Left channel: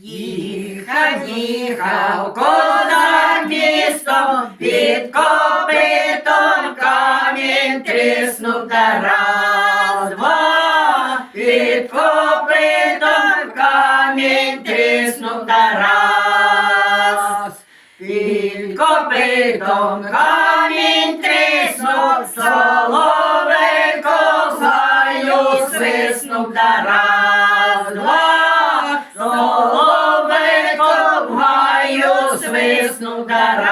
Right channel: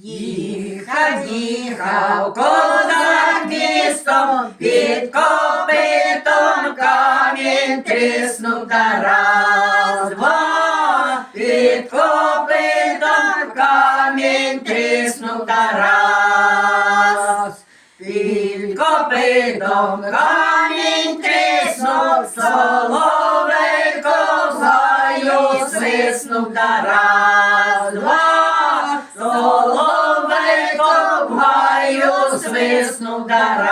Їхав, їхав козак містом, під копитом камінь тріснув та раз, два, під копитом камінь тріснув та раз. Під копитом камінь тріснув, соловейко в гаю свиснув та раз, Свиснув раз.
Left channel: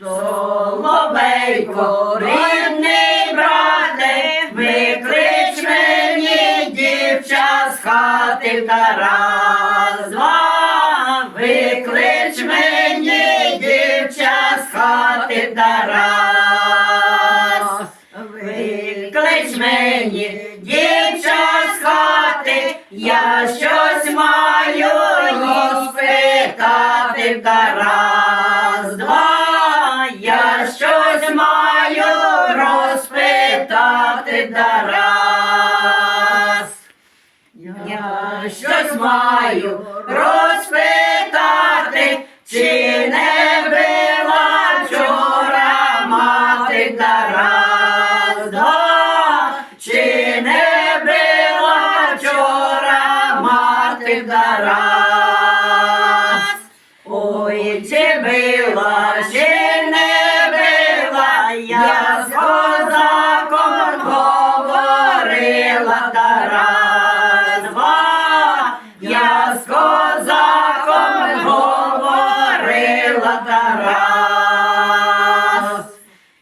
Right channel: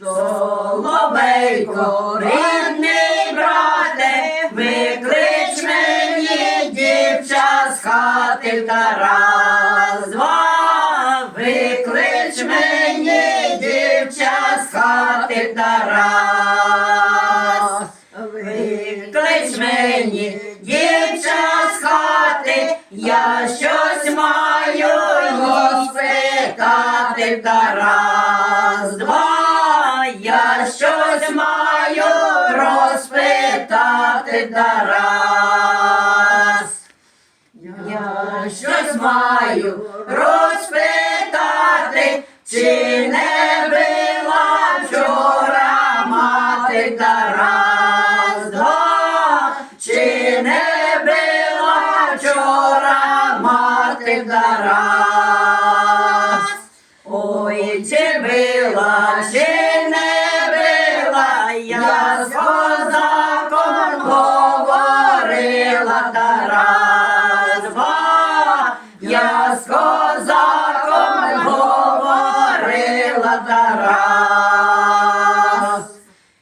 Соловейко, рідний брате, виклич мені дівча з хати та раз, два, виклич мені дівча з хати та раз. Виклич мені дівча з хати, я щось розпитати та раз, два, я щось маю розпитати та раз. Я щось маю розпитати, чи не била вчора мати Тарас, два, чи не била вчора мати Тарас. Била, чи не била, я з козаком говорила Тарас, два, я з козаком говорила Тарас.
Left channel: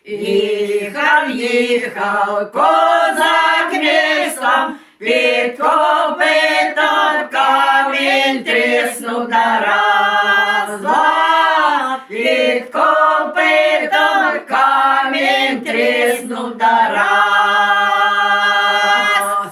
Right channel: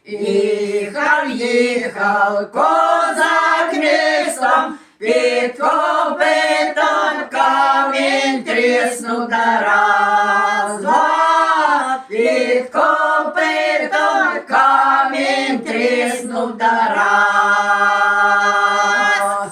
Їхав, їхав козак містом, під копитом камінь тріснув Тарас. Два, під копитом камінь тріснув Тарас.